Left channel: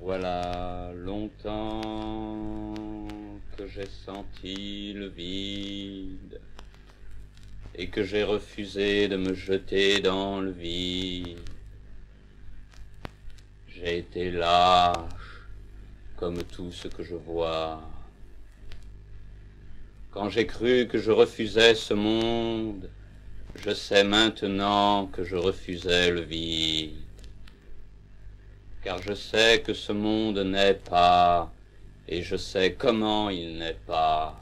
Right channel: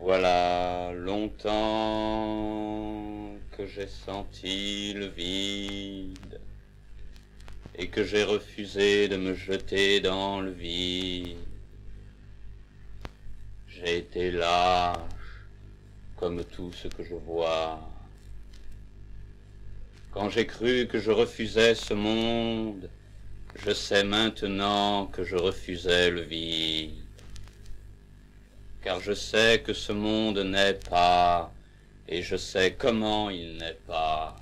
Voilà longtemps que j'ai senti le vide et que j'ai refusé de me jeter dans le vide. J'ai été lâche comme tout ce que je vois. Quand j'ai cru que je refusais ce monde, je sais maintenant que je refusais le vide. Car je sais que ce monde n'est pas, et je sais comment il n'est pas.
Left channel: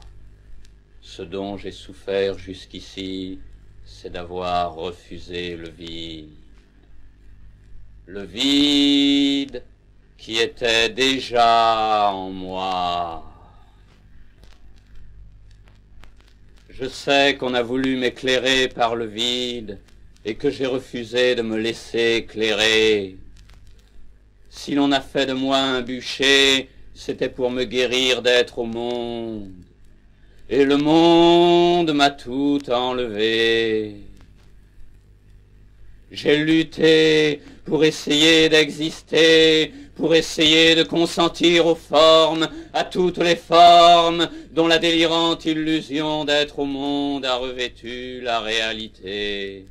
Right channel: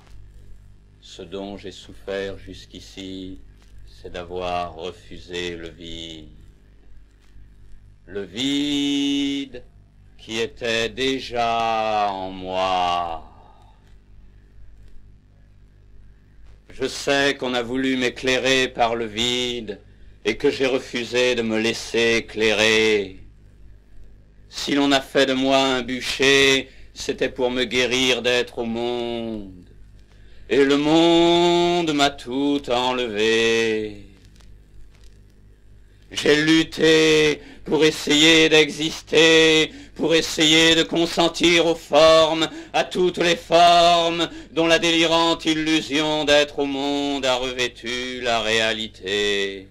Ce dont j'ai souffert jusqu'ici, c'est d'avoir refusé le vide. Le vide qui était déjà en moi. Je sais qu'on a voulu m'éclairer par le vide et que j'ai refusé de me laisser éclairer. Si l'on a fait de moi un bûcher, c'était pour me guérir d'être au monde. Et le monde m'a tout enlevé. J'ai lutté pour essayer d'exister, pour essayer de consentir aux formes, à toutes les formes dont la délirante illusion d'être au monde a revêtu la réalité.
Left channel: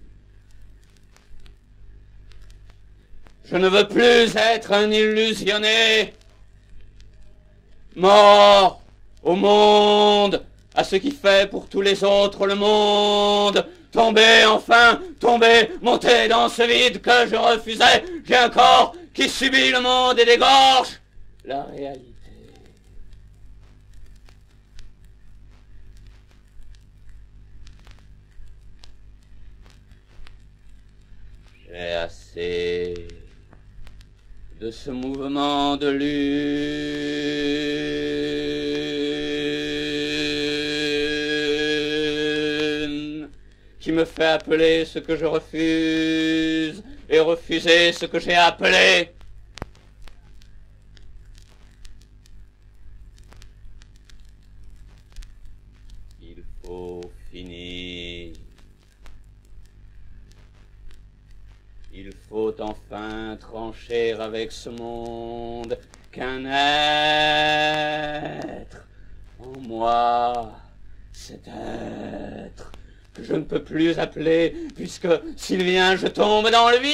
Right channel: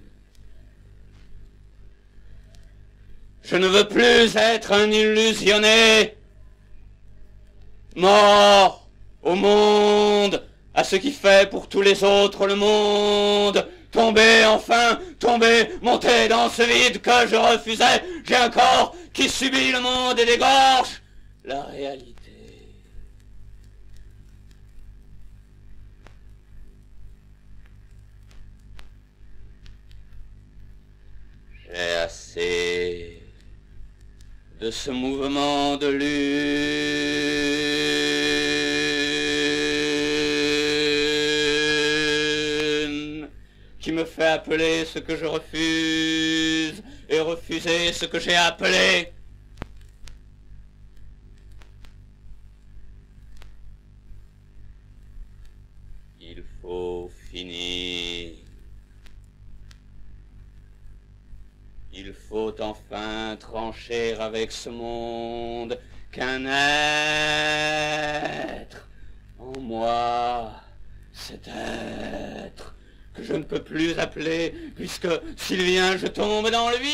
Je ne veux plus être un illusionné, mort au monde, à ce qui fait pour tous les autres le monde. Tomber, enfin, tomber, monter dans ce vide que je refusais. J'ai un corps qui subit le monde et dégorge la réalité. J'ai assez de ce mouvement de lune qui me fait appeler ce que je refuse et refuser ce que j'ai appelé. Il faut finir. Il faut enfin trancher avec ce monde qu'un être en moi, cet être que je ne peux plus appeler, puisque s'il vient, je tombe dans le vide.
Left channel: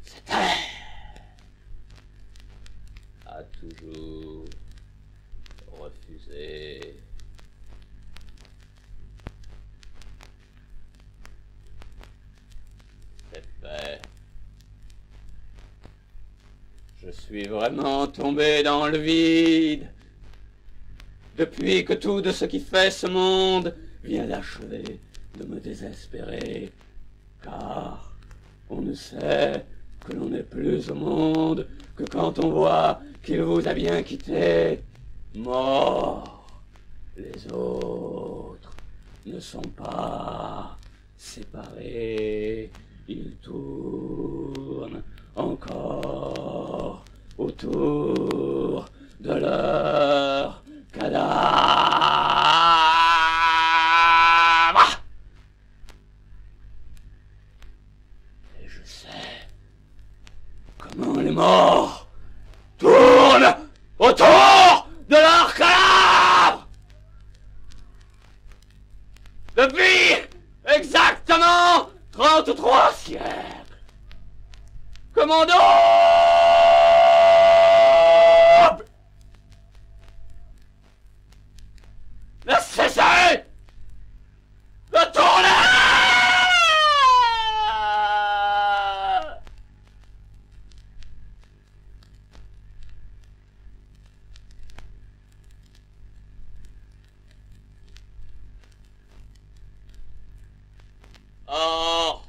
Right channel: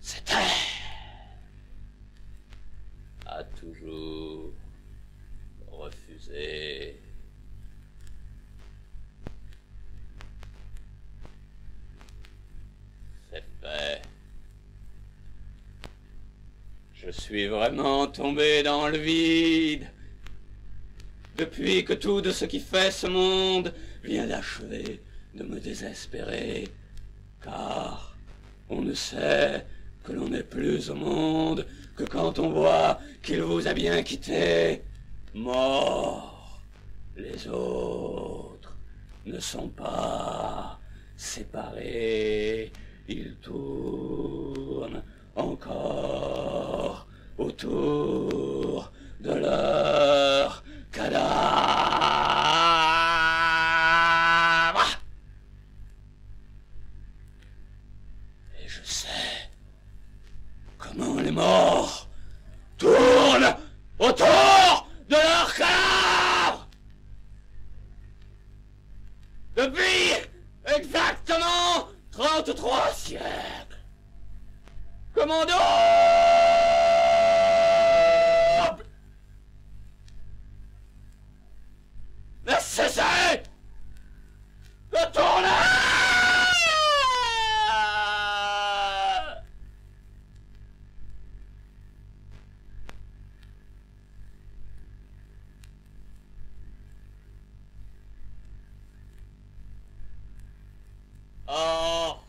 Cet être a toujours refusé. C'est fait. Je suis vraiment tombé dans le vide. Depuis que tout de ce qui fait ce monde vient d'achever de me désespérer. Car on ne sait que l'on n'est plus au monde que quand on voit qu'il vous a bien quitté. Mort, les autres ne sont pas séparés. Ils tournent encore autour de leur cadavre. Et je sais comment les morts tournent autour de leur cadavre. Depuis exactement 33 siècles. Commando! Ne cessez de tourner! Or,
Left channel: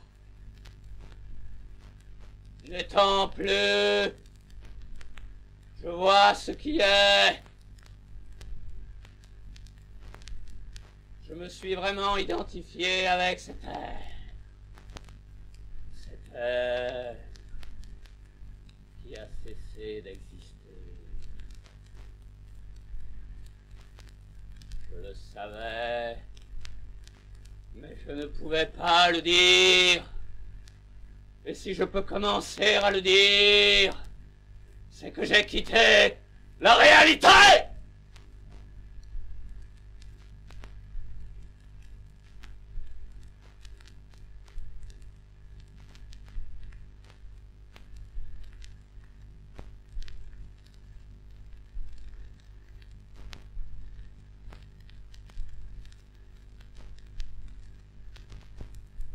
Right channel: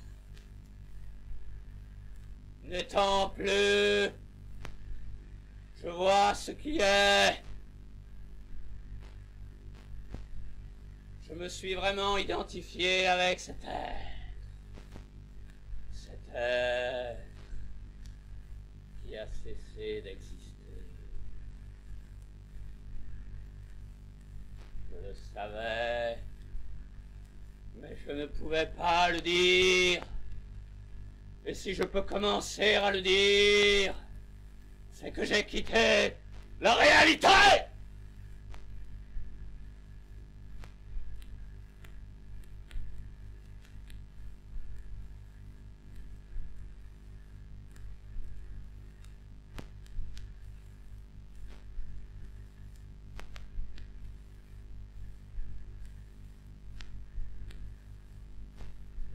n'étant plus, je vois ce qui est. Je me suis vraiment identifié avec cet être. Cet être qui a cessé d'exister. savais, mais je ne pouvais pas le dire. Et si je peux commencer à le dire, c'est que j'ai quitté la réalité.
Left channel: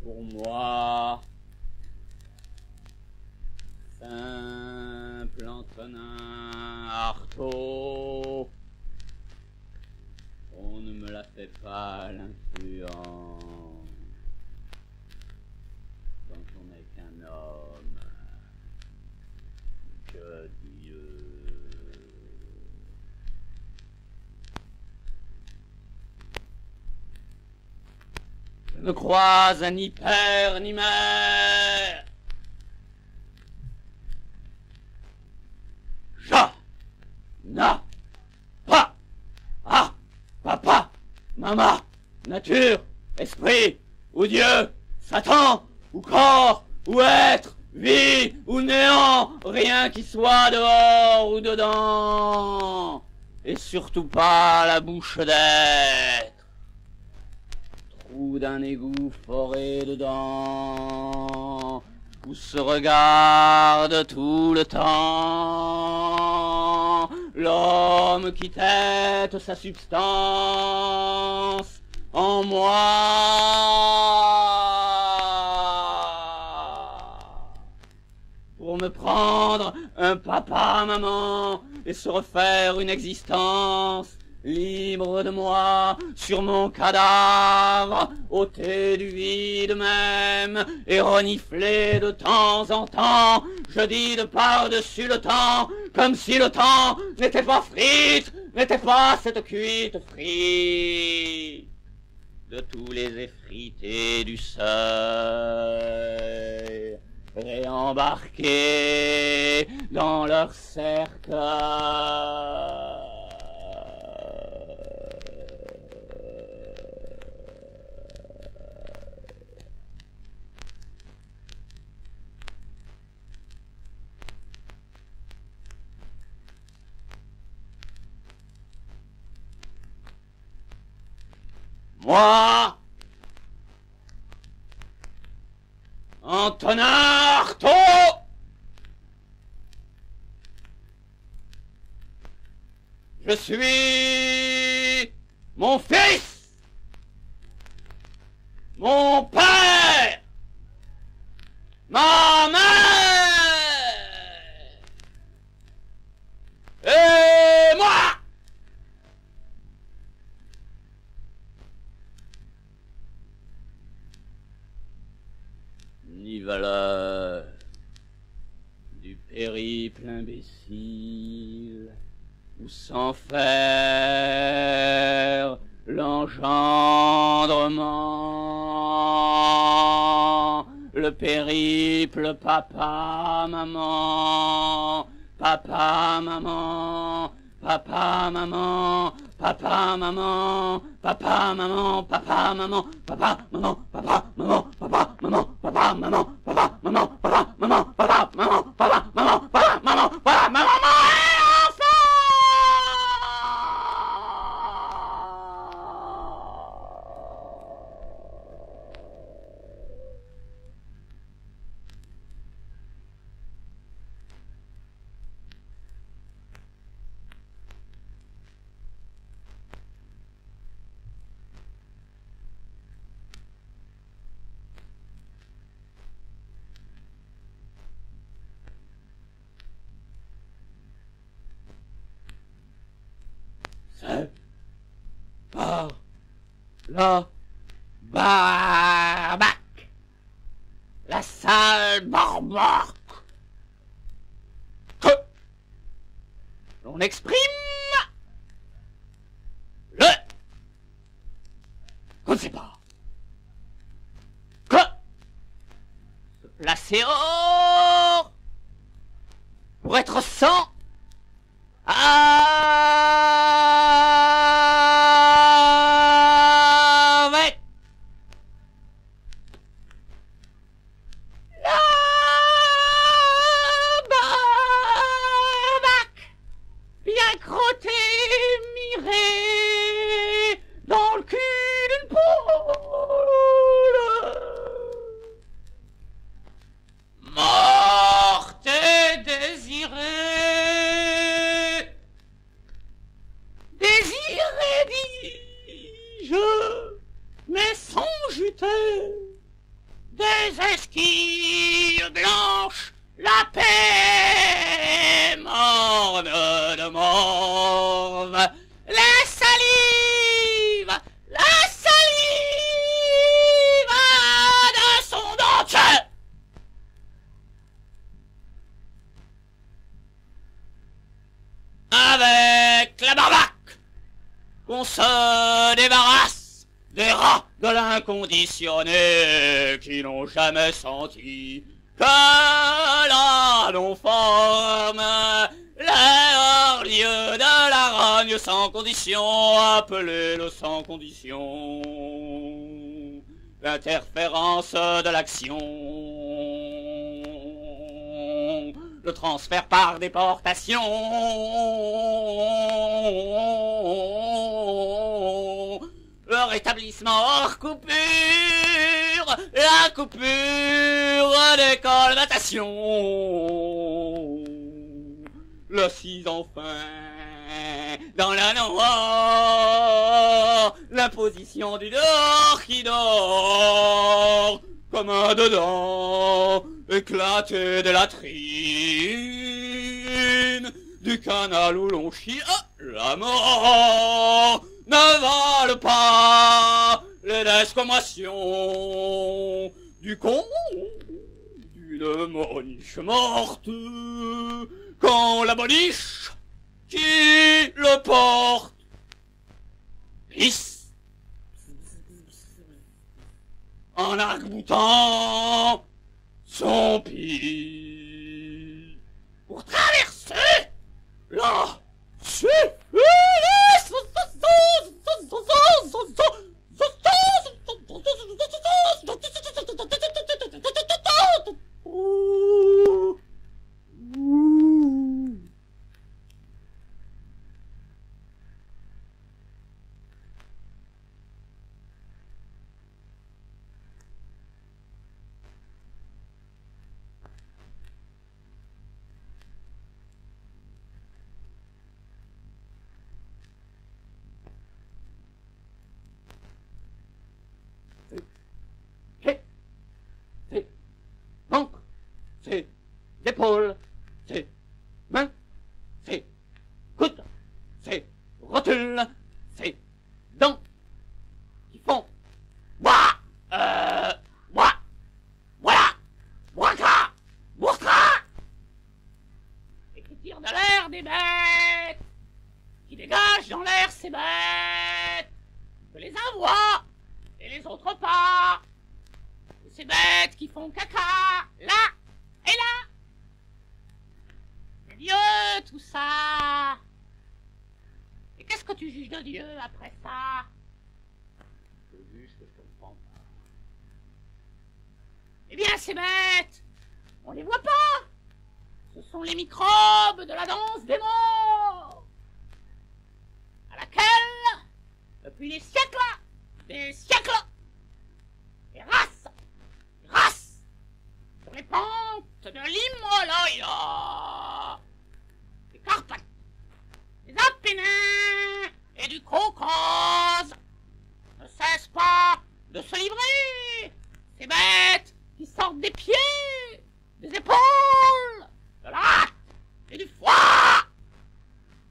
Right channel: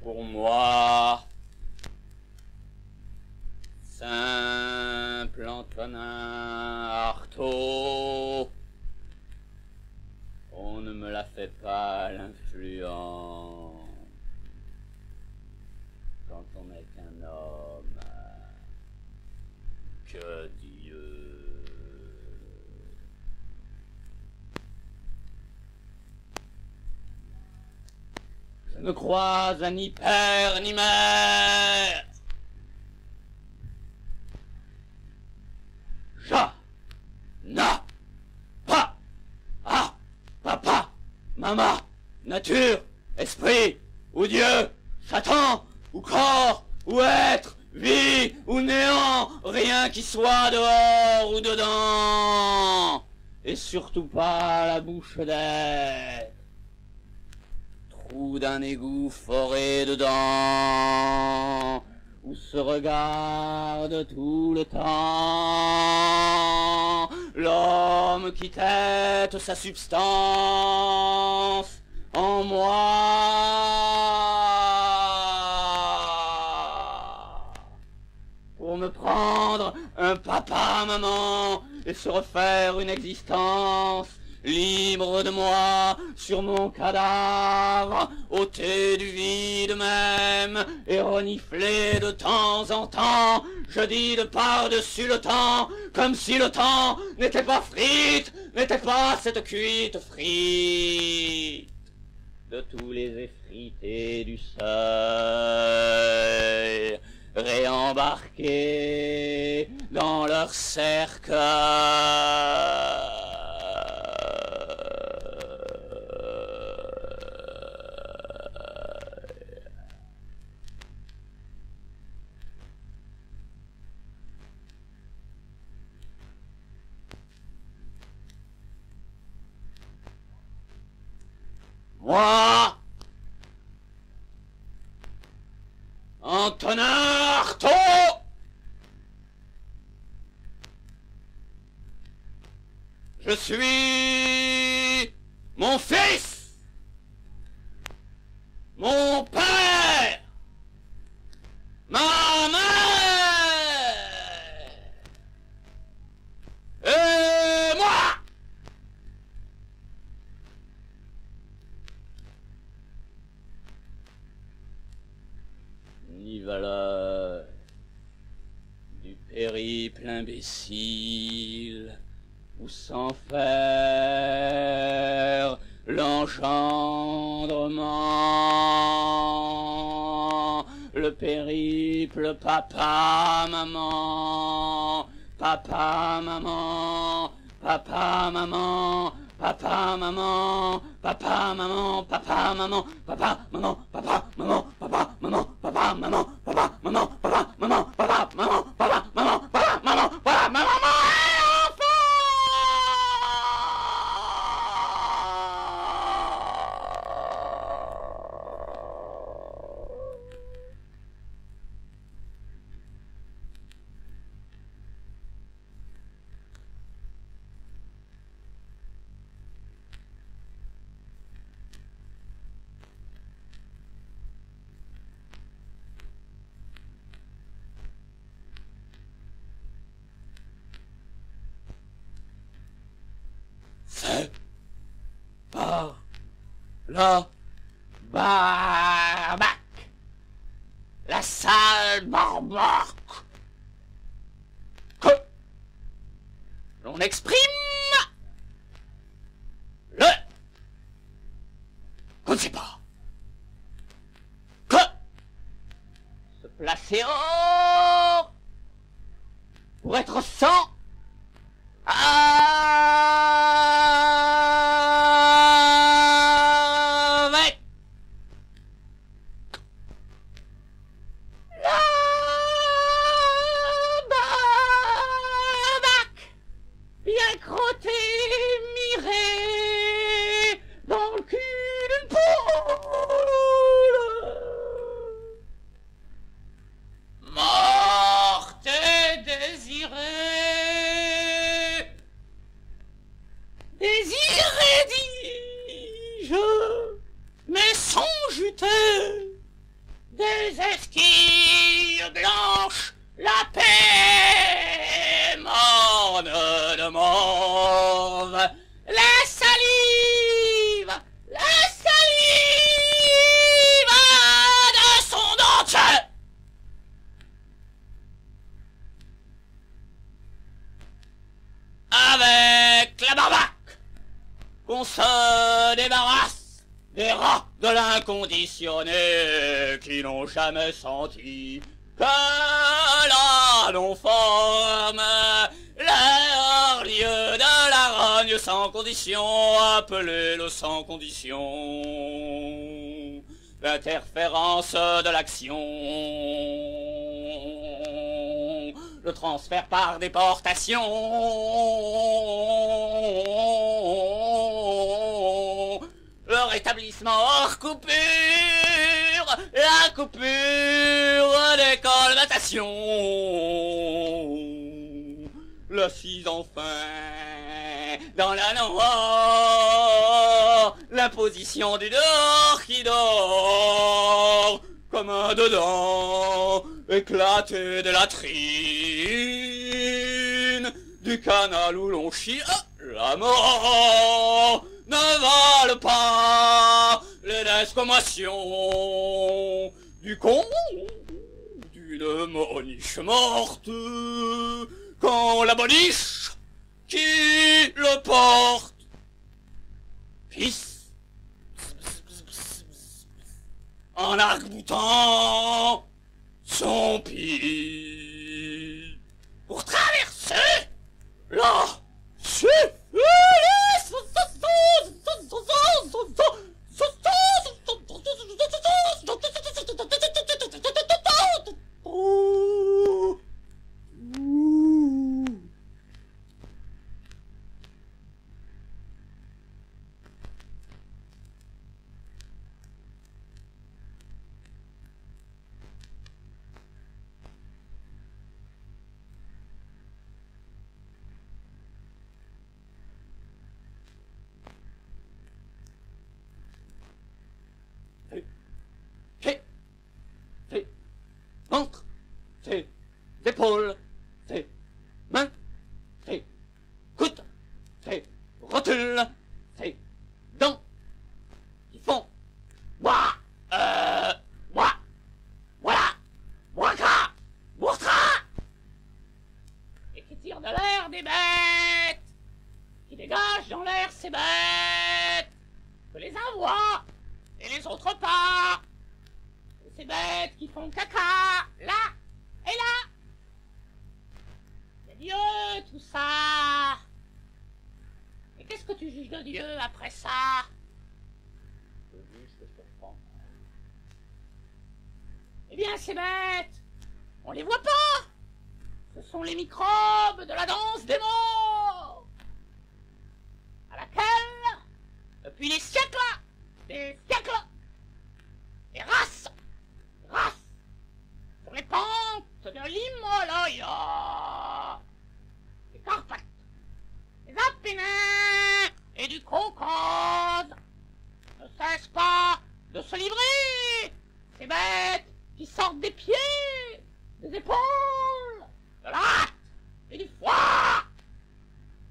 Pour moi, simple Antonin Artaud, on ne me la fait pas l'influence quand on n'est qu'un homme. Que Dieu. Je ne crois à ni père ni mère. Na, pa, ah, papa, maman, nature, esprit, ou Dieu, Satan, ou corps, ou être, vie, ou néant, rien qui soit dehors ou dedans, et surtout pas la bouche d'être, trou d'un égout foré dedans, où se regarde tout le temps l'homme qui tête sa substance en moi pour me prendre un papa-maman et se refaire une existence libre de moi, sur mon cadavre, ôté du vide même, et reniflé de temps en temps, je dis de par-dessus le temps, comme si le temps n'était pas frite, n'était pas cette cuite frite de tous les effrités du seuil, réembarqués dans leur cercle. Moi, Antonin Artaud, je suis mon fils, mon père, ma mère et moi. Ni valeur du périple imbécile, ou sans faire l'engendrement, le périple papa-maman, papa-maman, papa-maman, papa-maman, papa-maman, papa-maman, papa-maman, papa-maman, papa-maman, papa-maman, papa-maman, papa-maman, papa-maman, papa-maman, papa-maman, papa-maman. C'est par la barbaque, la sale barbaque, que l'on exprime le qu'on ne sait pas, que se placer hors pour être sans ah mais sans juter, des esquilles blanches, la paix morne de mauve, la salive de son dentier. Avec la barbaque, qu'on se débarrasse des rats de l'inconditionné qui n'ont jamais senti que la non-forme, leur lieu de la rogne sans condition, appelé le sans condition, l'interférence de l'action, le transfert par déportation, le rétablissement hors coupure, la coupure des colmatations, le cis enfin dans la noire, l'imposition du dehors qui dort comme un dedans éclaté de latrine du canal où l'on chie. La mort ne vale pas les descommations du con d'une moniche morte quand la boniche qui le porte pisse en arc-boutant son pied pour traverser la ventre, c'est épaules, c'est mains, c'est coudes, c'est rotules, c'est dents qui font bois, bois, voilà, boica, bourtra, et qui tirent de l'air des bêtes, qui dégagent dans l'air ces bêtes, que les uns voient et les autres pas. Ces bêtes qui font caca, là et là. C'est Dieu, tout ça. Et qu'est-ce que tu juges de Dieu après ça? Je juge que je comprends. Eh bien, ces bêtes, on les voit pas. Ce sont les microbes de la danse des morts, à laquelle, depuis des siècles, les races sur les pentes de l'Himalaya, des Carpates, des Apennins et du Caucase ne cessent pas de se livrer, ces bêtes qui sortent des pieds, des épaules, de la hâte et du foie.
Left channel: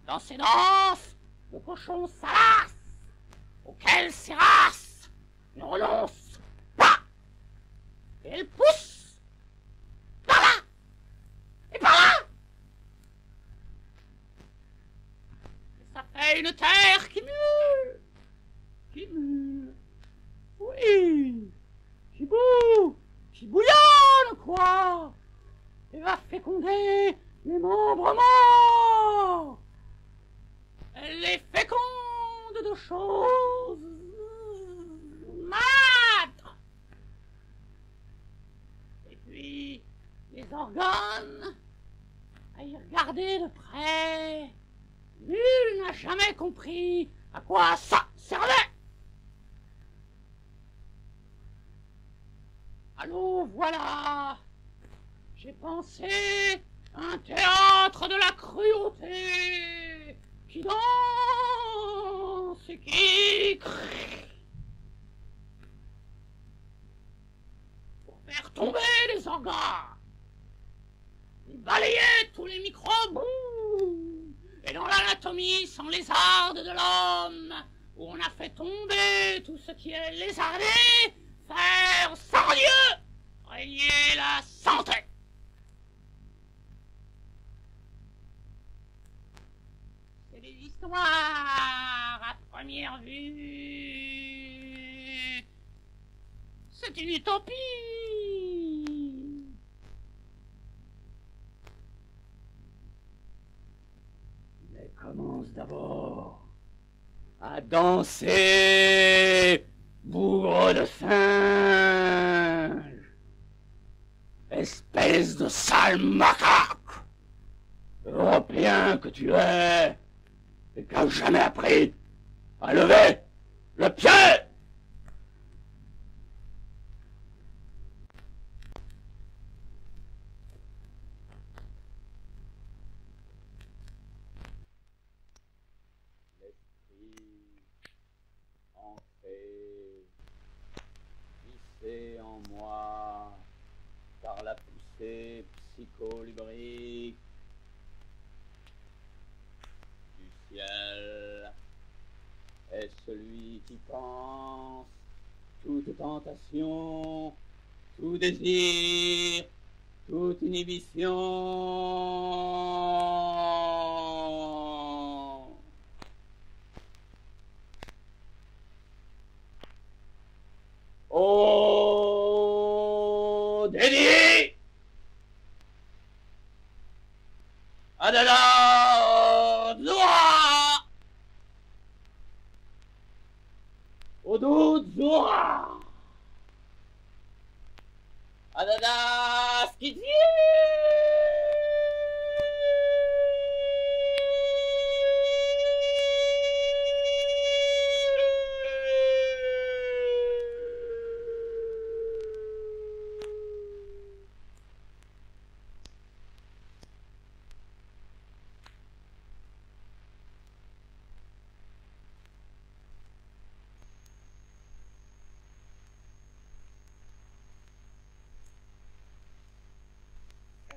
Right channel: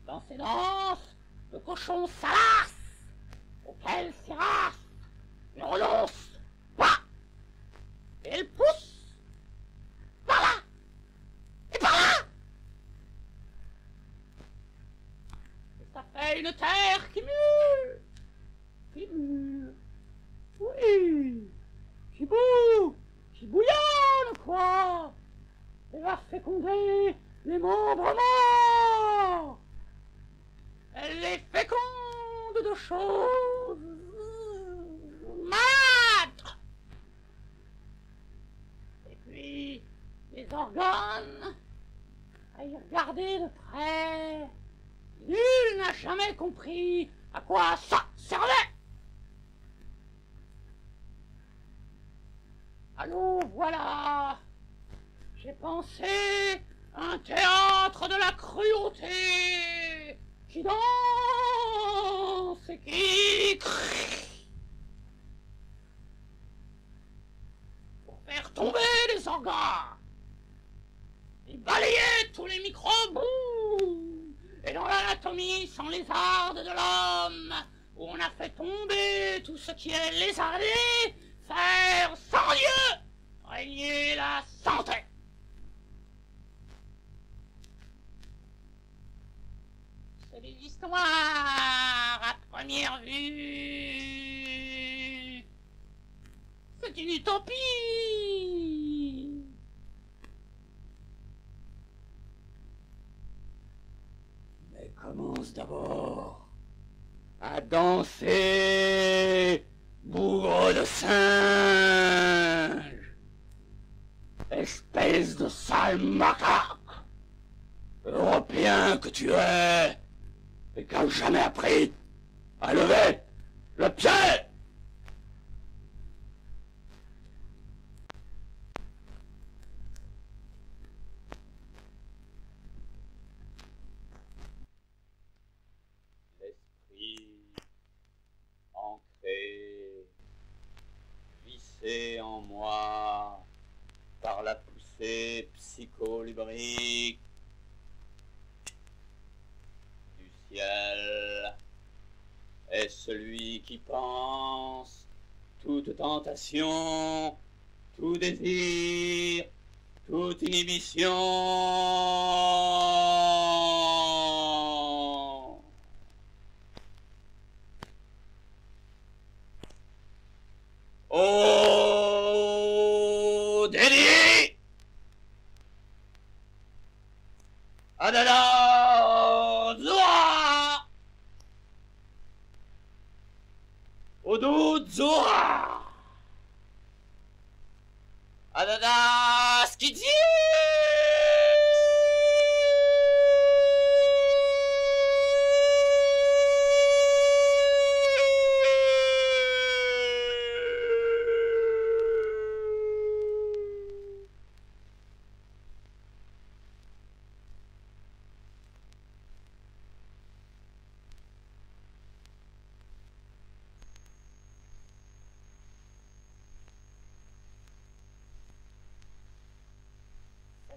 Dans ces danses, le cochon salace, auquel ces races ne renoncent pas. Et elles poussent par là et par là. Et ça fait une terre qui mue, oui, qui bouillonne, quoi, et va féconder les membres morts. Elle les féconde de choses maigres. Et puis, les organes, à y regarder de près, nul n'a jamais compris à quoi ça servait. Allô, voilà, j'ai pensé un théâtre de la cruauté qui danse c'est qui? Pour faire tomber les organes, il balayait tous les microbes. Et dans l'anatomie sans lézarde de l'homme, où on a fait tomber tout ce qui est lézardé, faire sans Dieu régner la santé. C'est des histoires à première vue. C'est une utopie. Mais commence d'abord à danser, bougre de singe, espèce de sale macaque, européen que tu es, et qui n'a jamais appris à lever le pied. L'esprit ancré, vissé en moi par la poussée psycholubrique du ciel, est celui qui pense toute tentation, tout désir, toute inhibition. Au déni, Adala Zoa, Odu Zoa, Adada Skidzi.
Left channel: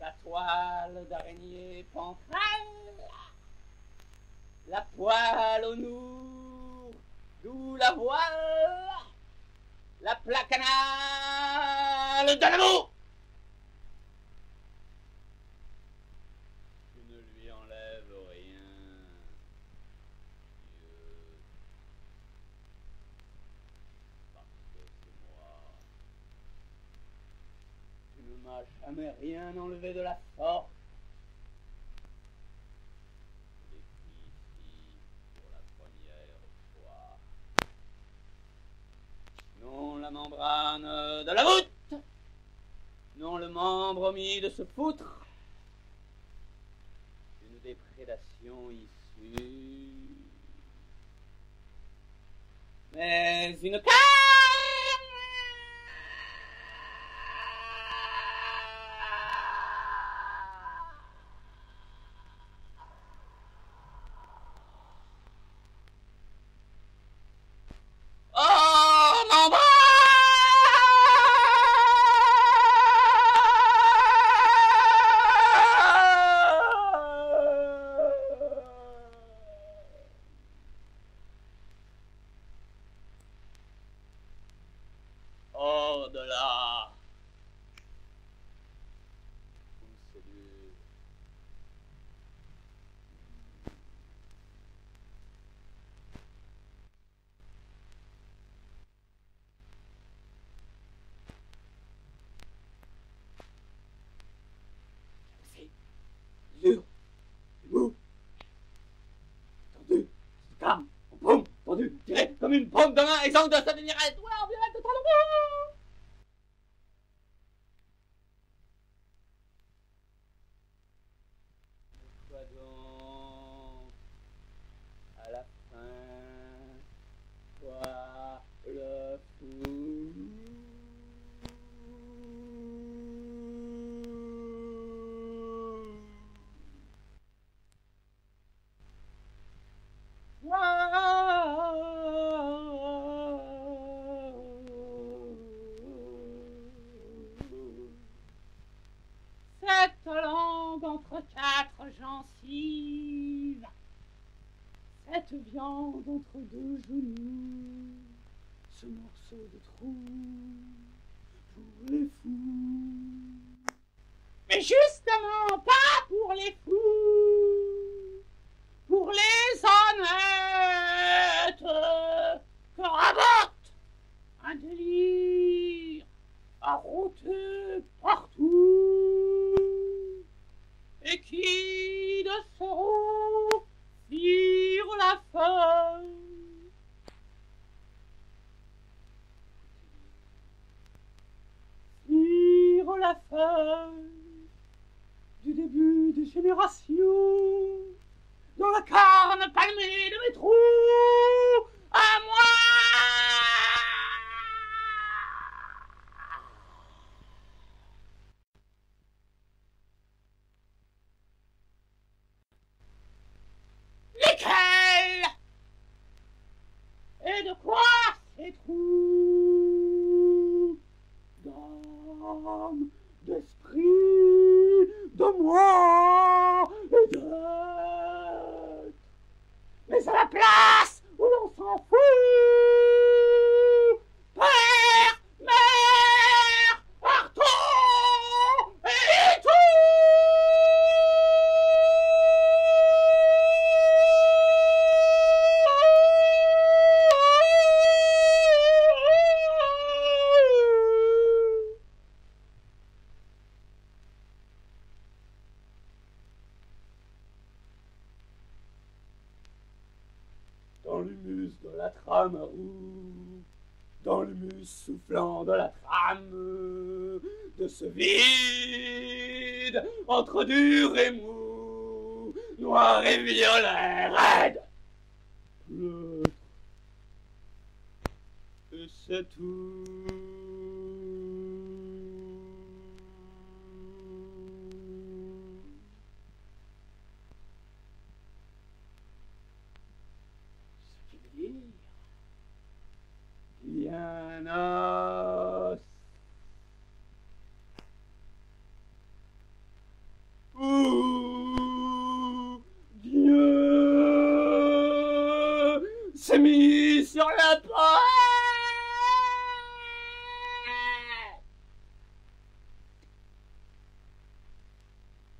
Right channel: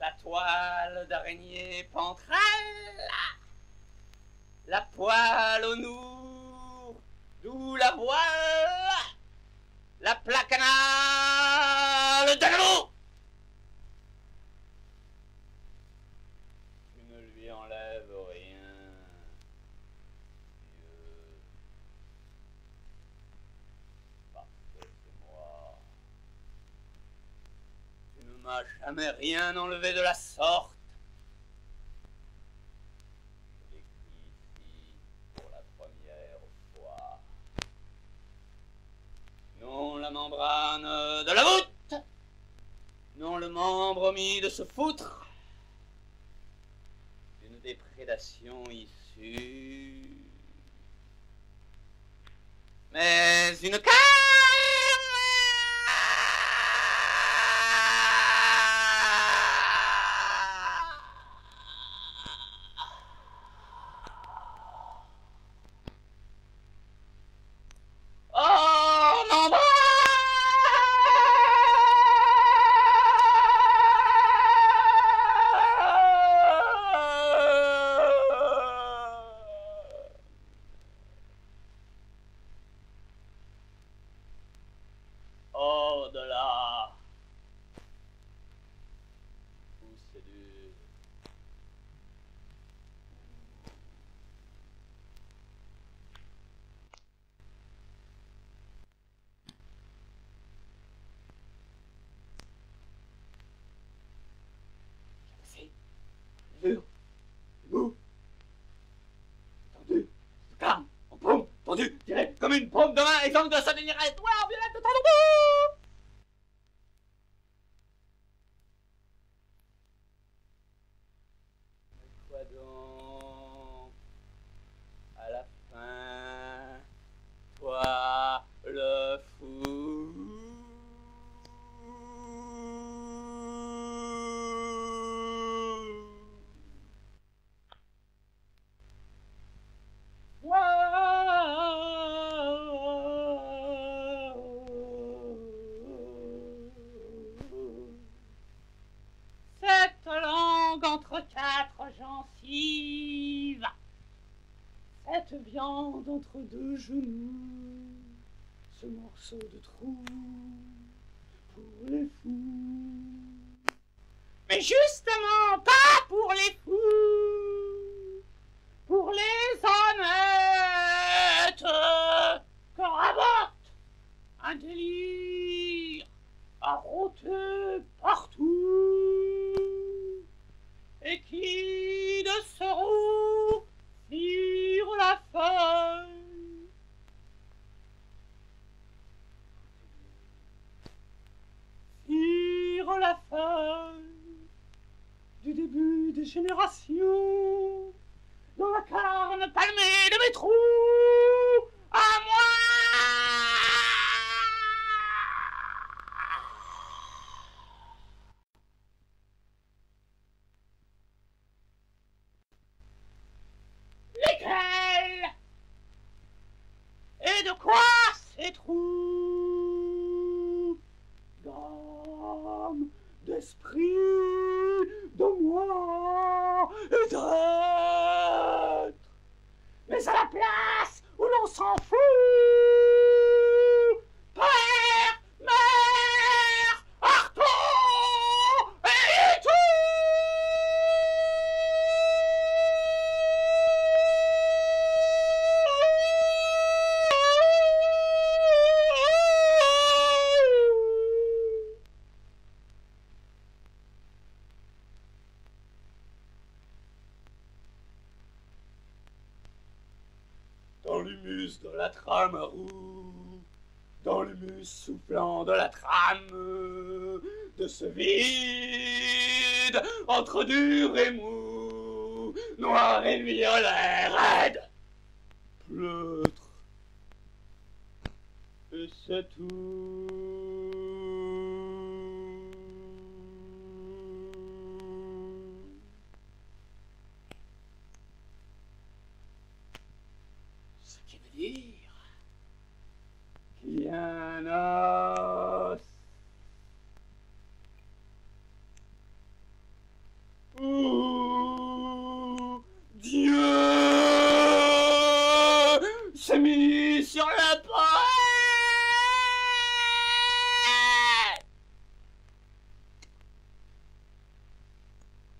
La toile d'araignée pantrelle, la poêle au nour, d'où la voile, la plaque anale de l'amour. Tu ne lui enlèves rien, Dieu, parce que c'est moi. Tu ne m'as jamais rien enlevé de la sorte. Je l'écris ici pour la première fois. Non la membrane de la voûte, non le membre omis de se foutre d'une déprédation issue, mais une carte. Oh, mon bras! Hors de là, où c'est dur. J'ai passé dur, mou, tendu, calme, en paume, tendu, tiré comme une paume de main, exemple de sa lumière. Ouais, en violette de talon. Quoi donc, à la fin, toi le fou. Moi cette viande entre deux genoux, ce morceau de trou pour les fous. Mais justement pas pour les fous, pour les honnêtes, que rabote un délire à rôter partout, et qui de ce roux tire la feuille. Tire la feuille du début des générations, dans la carne palmée de mes trous, à moi. Lesquels? Et de quoi ces trous? D'âme, d'esprit, de moi et d'être. Mais à la place où l'on s'en fout, père, mère, Artaud et tout. Dans l'humus de la trame roue, dans l'humus soufflant de la trame, de ce vide entre dur et mou, noir et violet, raide, pleutre, et c'est tout. Ce qui veut dire qu'il y a un os où Dieu s'est mis sur la pointe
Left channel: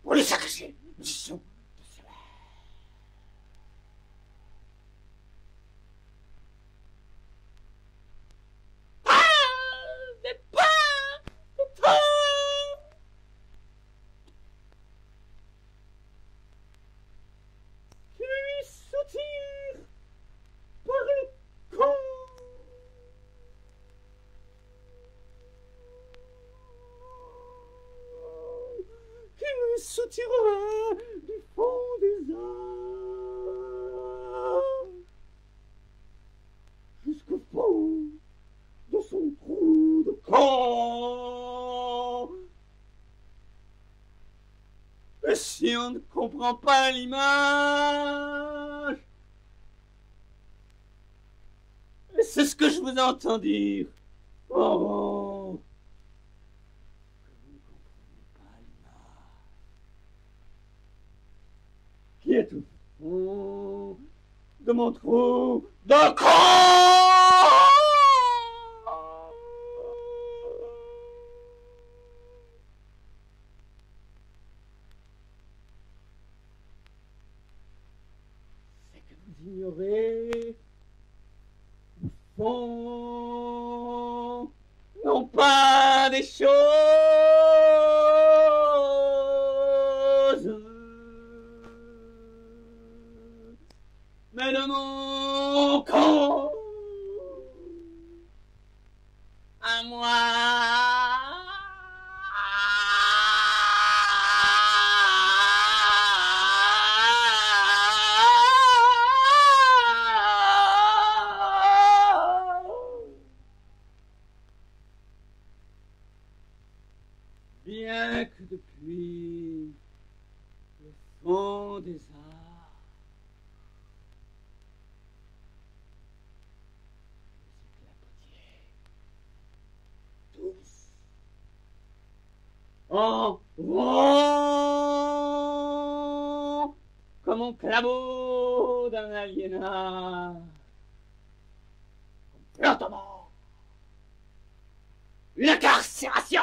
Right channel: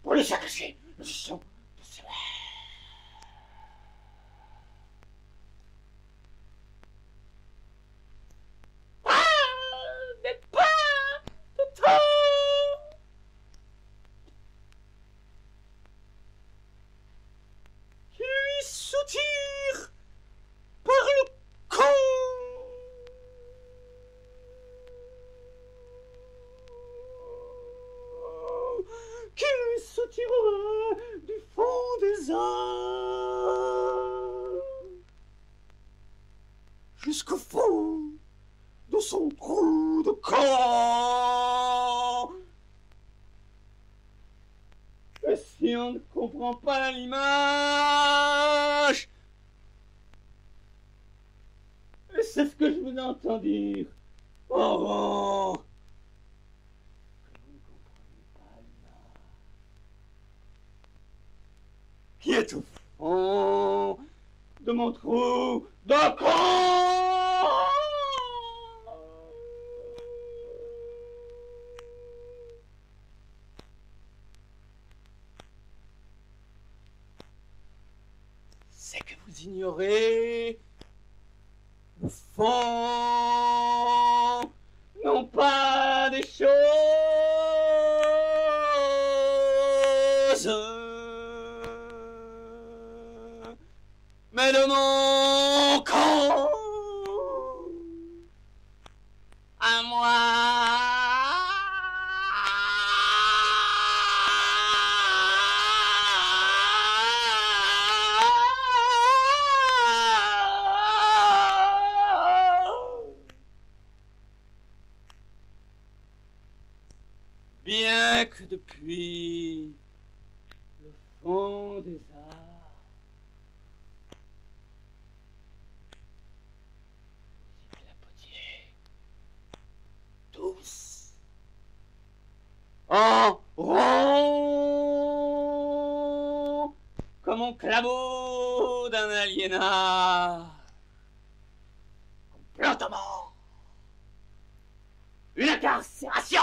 pour lui sacrifier le sang de ses mains. Mais pas de temps qui lui soutire par le cou. Qui lui soutirerait du fond des âmes jusqu'au fond de son trou de camp. Et si on ne comprend pas l'image, et c'est ce que je vous entends dire en rond, que vous ne comprenez pas l'image qui est au fond de mon trou de camp. C'est que vous ignorez le fond, non pas des choses, mais de mon camp à moi. Bien que depuis le fond des arts, vous éclapotiez tous en rond comme on clabaude cerveau d'un aliénat. Complotement. Une incarcération.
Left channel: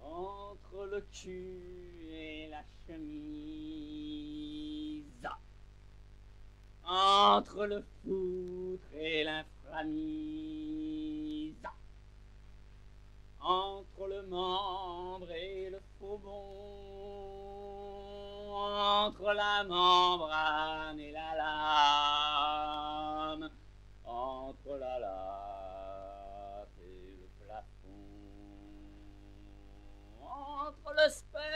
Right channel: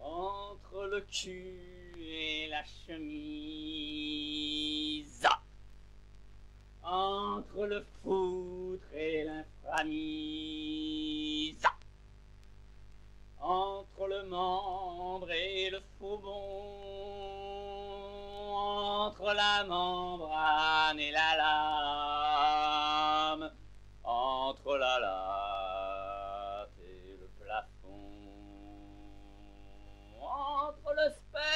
Entre le cul et la chemise, entre le foutre et l'inframise, entre le membre et le faux bon, entre la membrane et la lame, entre la latte et le plafond, entre le sperme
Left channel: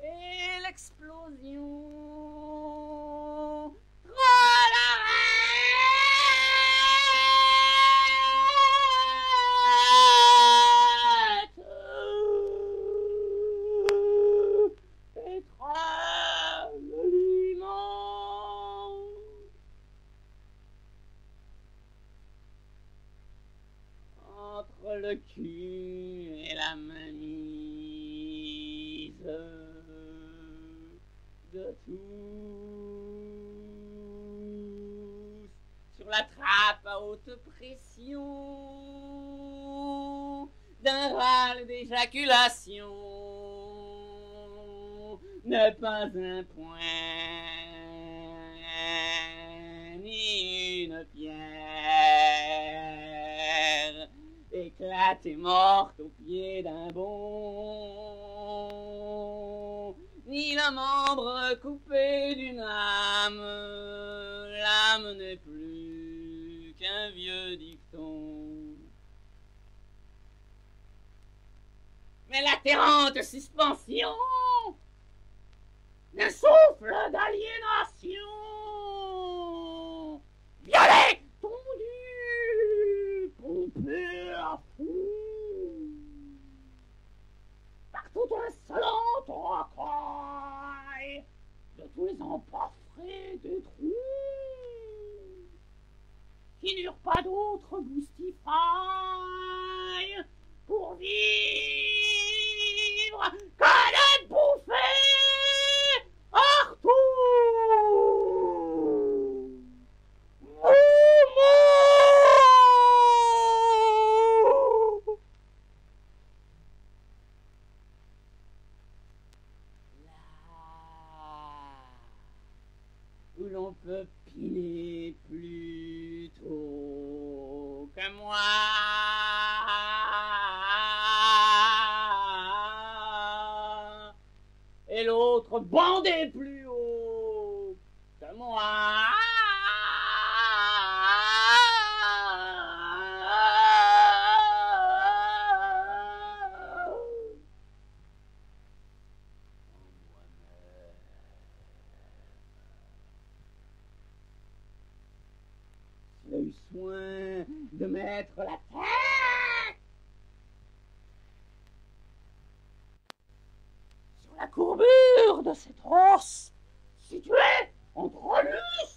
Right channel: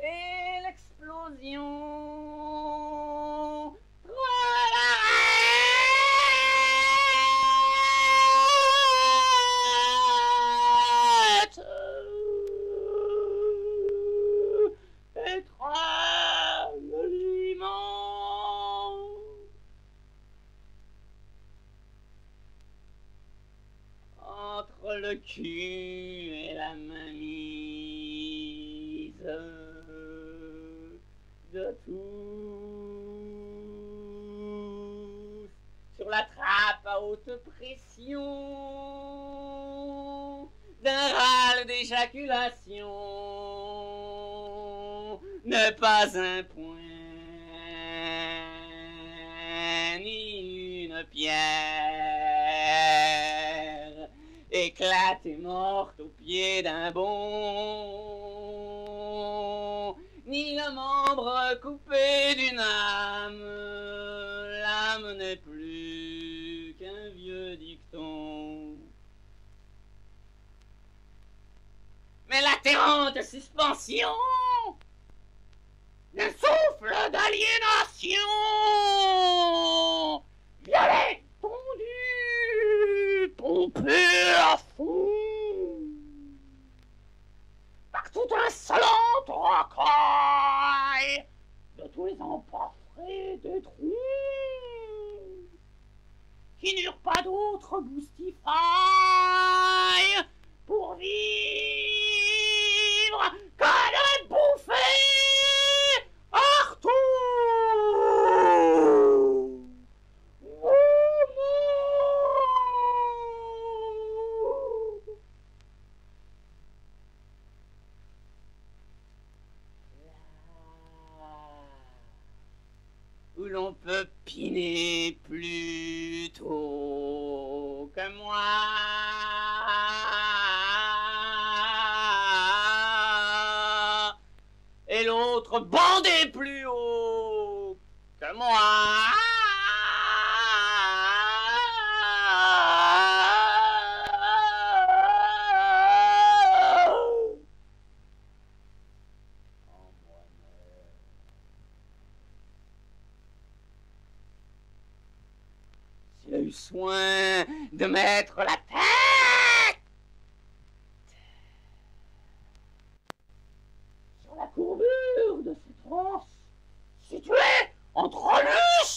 et l'explosion. Entre le cul et la mainmise de tous, sur la trappe à haute pression d'un râle d'éjaculation, ne pas un point ni une pierre, éclatée morte au pied d'un bond, ni le membre coupé d'une âme, l'âme n'est plus qu'un vieux dicton. Mais l'atterrante suspension d'un souffle d'aliénation, violet, tondu, pompé à fond, par tout insolente racaille de tous les emportés des trous, qui n'eurent pas d'autre goustifaille pour vivre que de bouffer hors tout. Où l'on peut piner plus tôt que moi, et l'autre bander plus haut que moi. S'il a eu soin de mettre la tête sur la courbure de cette os située entre l'us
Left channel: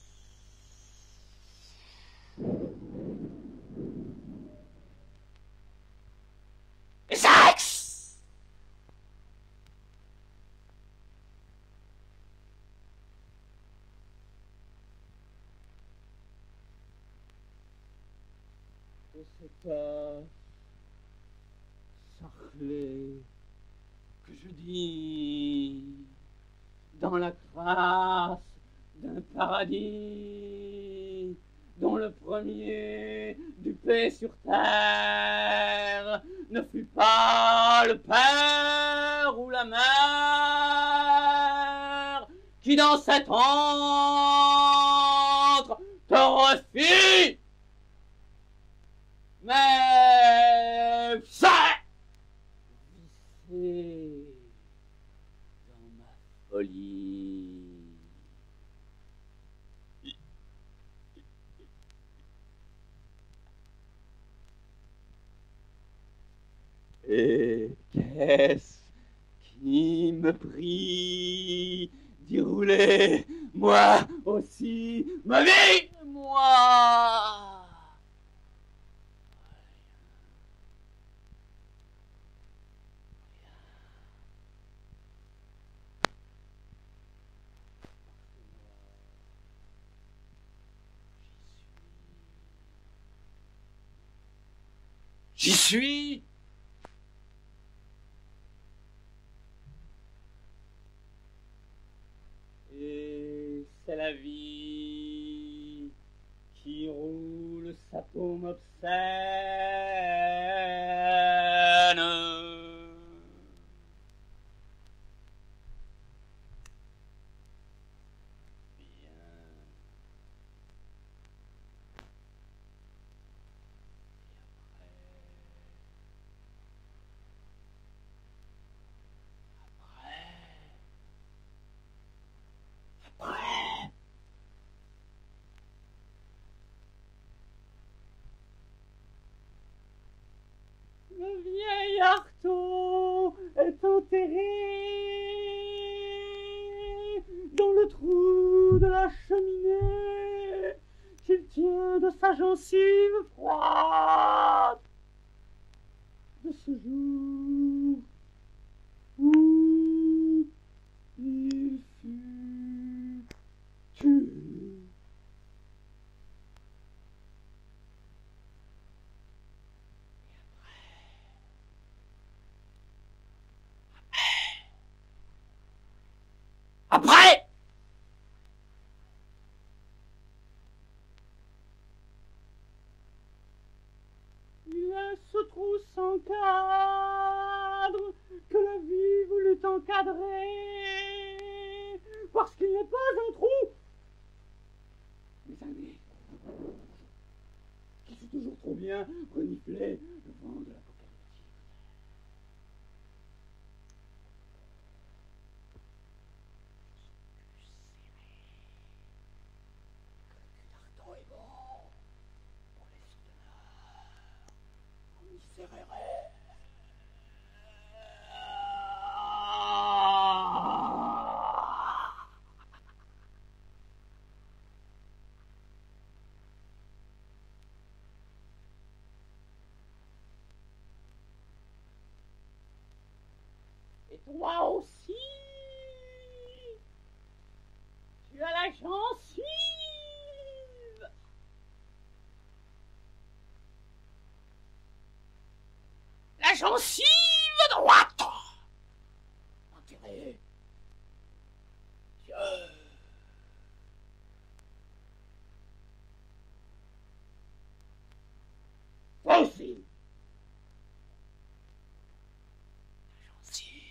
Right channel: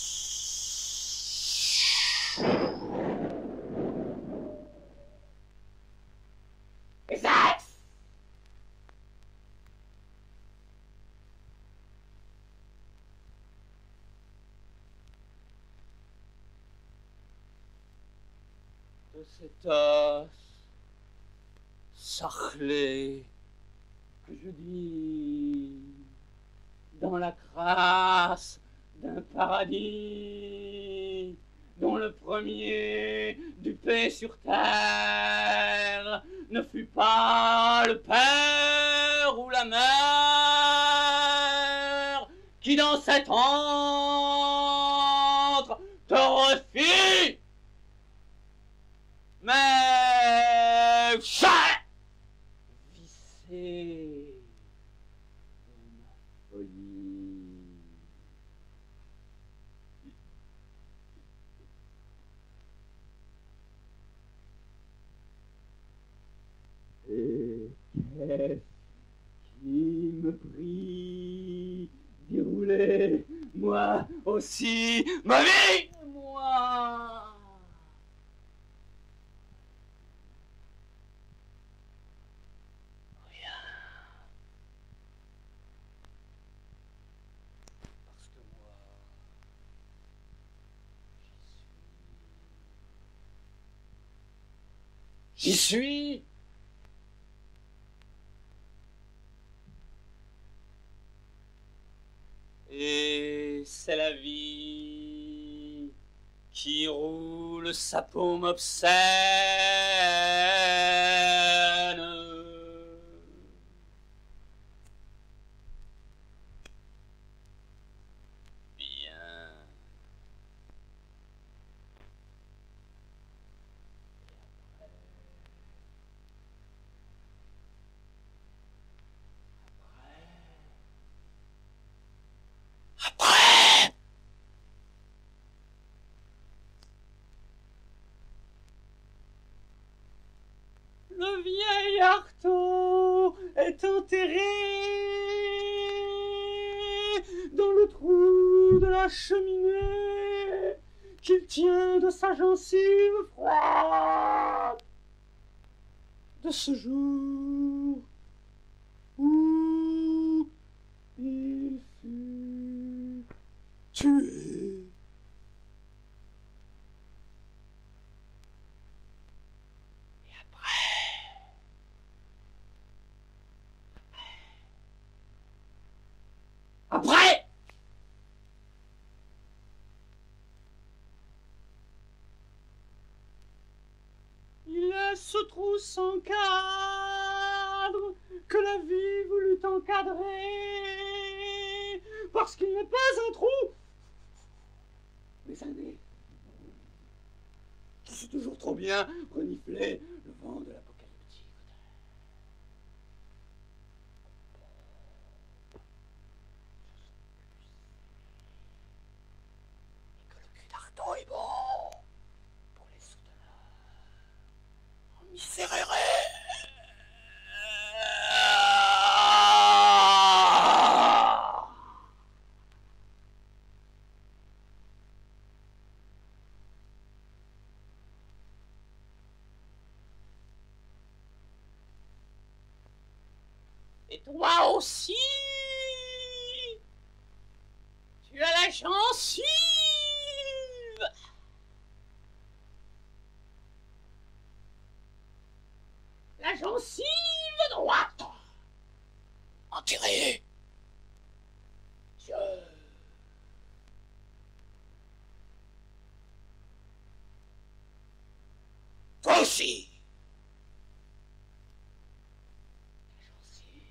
et sexe, de cet os sarclé que je dis dans la crasse d'un paradis dont le premier du paix sur terre ne fut pas le père ou la mère qui dans cet antre te refit, mais me prie d'y rouler, moi aussi, ma vie, moi. J'y suis. Et c'est la vie qui roule sa paume obscène. Bien. Après, le vieil Artaud est enterré dans le trou de la cheminée qu'il tient de sa gencive froide de ce jour où il fut tué. Après, il laisse ce trou sans cadre que la vie voulut encadrer, parce qu'il n'est pas un trou, mais un nez qui sait toujours trop bien renifler le vent de l'apocalyptique. D'Artaud est bon pour les souteneurs. On misérerait. Et toi aussi, tu as la gencive. La gencive droite enterrée. Toi aussi. La gencive.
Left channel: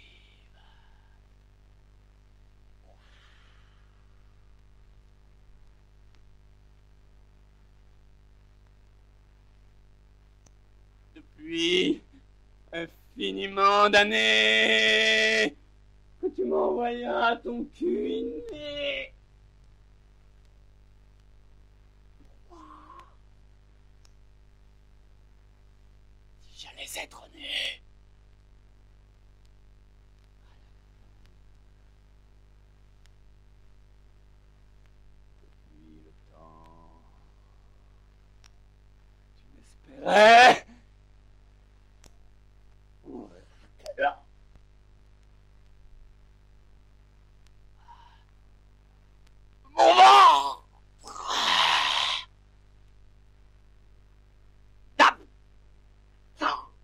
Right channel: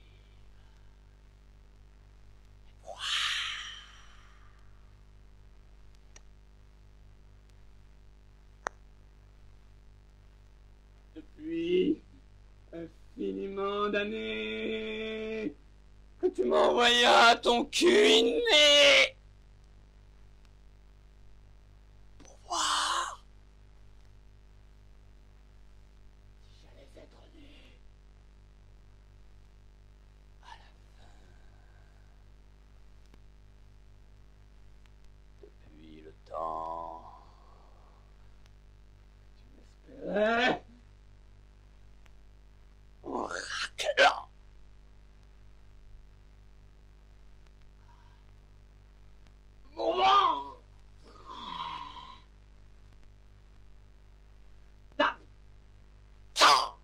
Depuis infiniment d'années que tu m'envoyas ton cul inné pour voir si j'allais être né à la fin. Depuis le temps, tu m'espérais en raclant. Mon ventre. D'absent.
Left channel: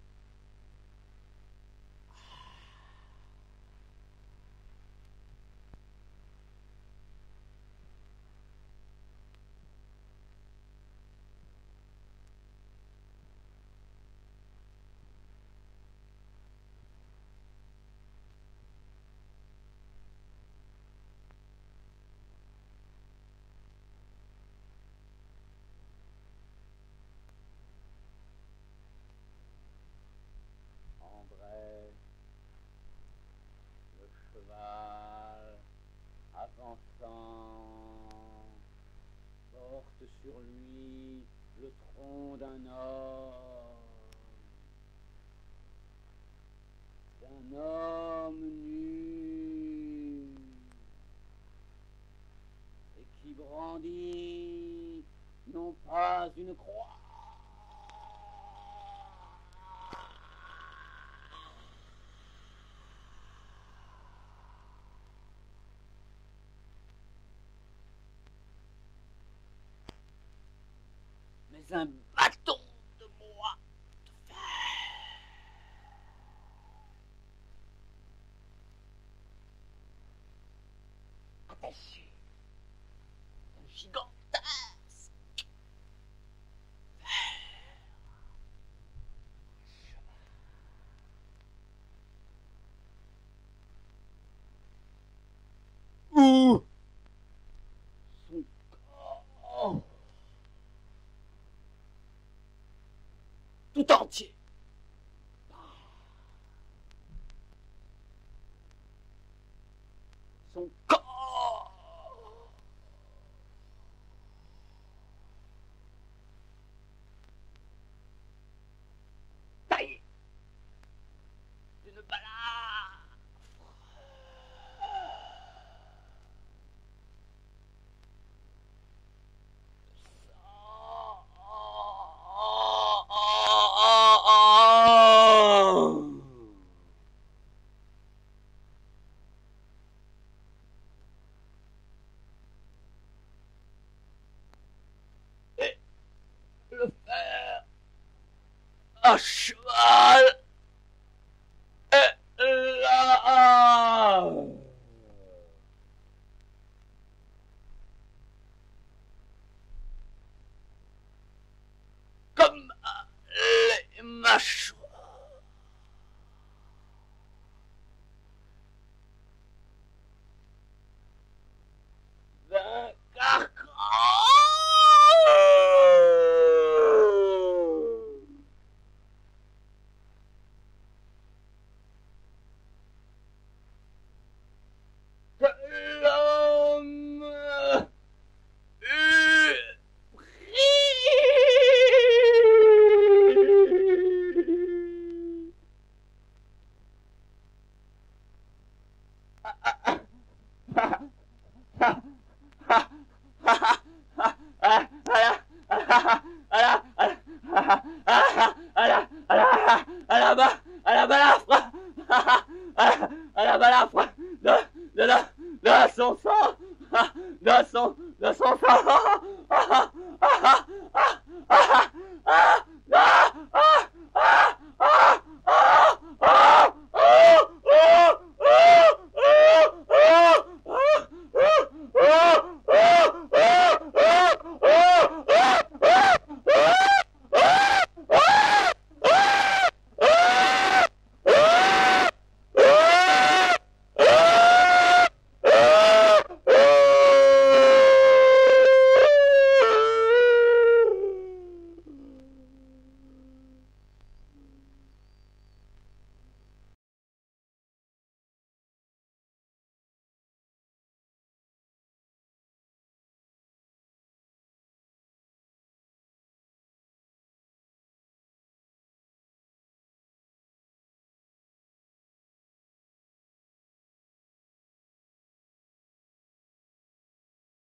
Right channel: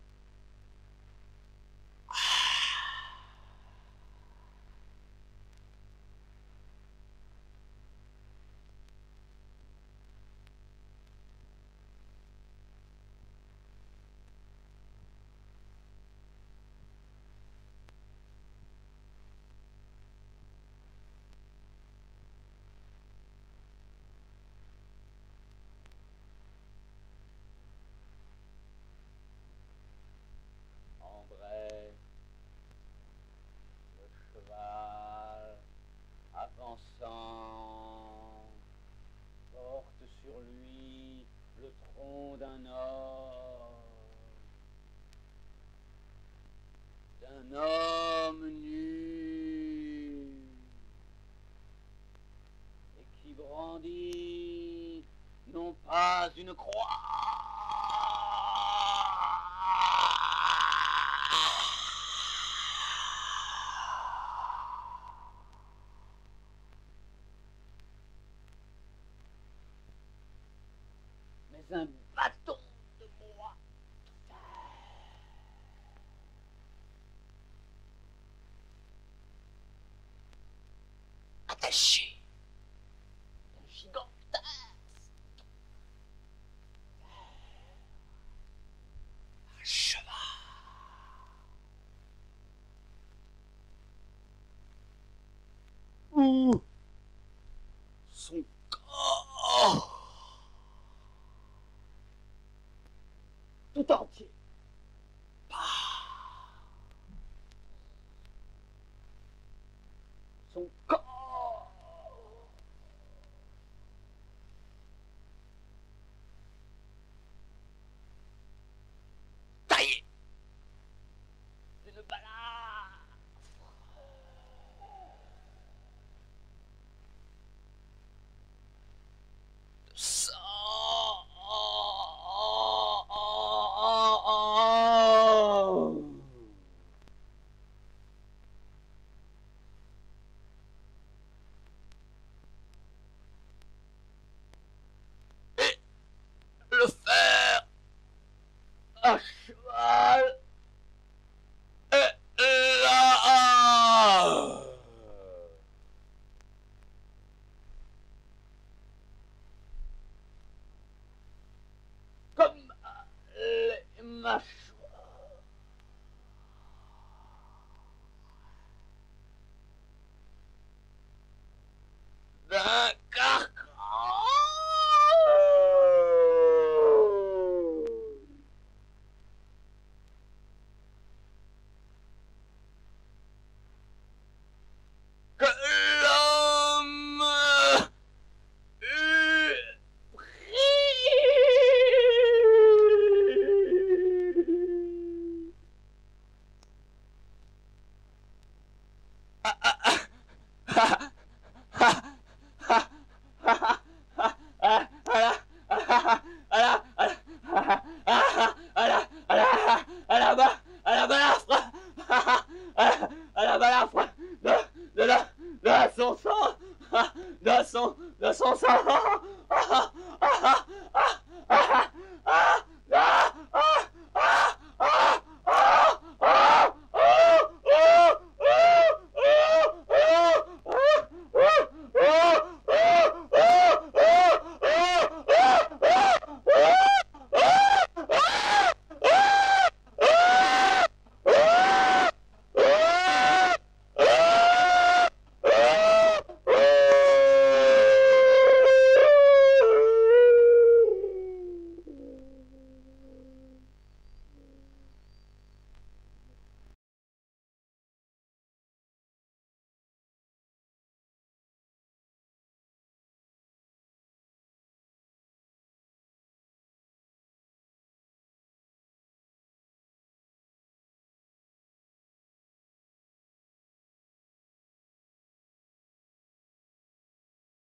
André, le cheval, avançant, porte sur lui le tronc d'un homme nu. brandit non pas une croix, mais un bâton de bois de fer, attaché d'un gigantesque cheval. Où son corps tout entier. Son corps taillé d'une balafre de sang. Le fer à cheval est là. Comme les mâchoires d'un carcan. Que l'homme eut pris. À la balafre, à la balafre de son sang, de son sang.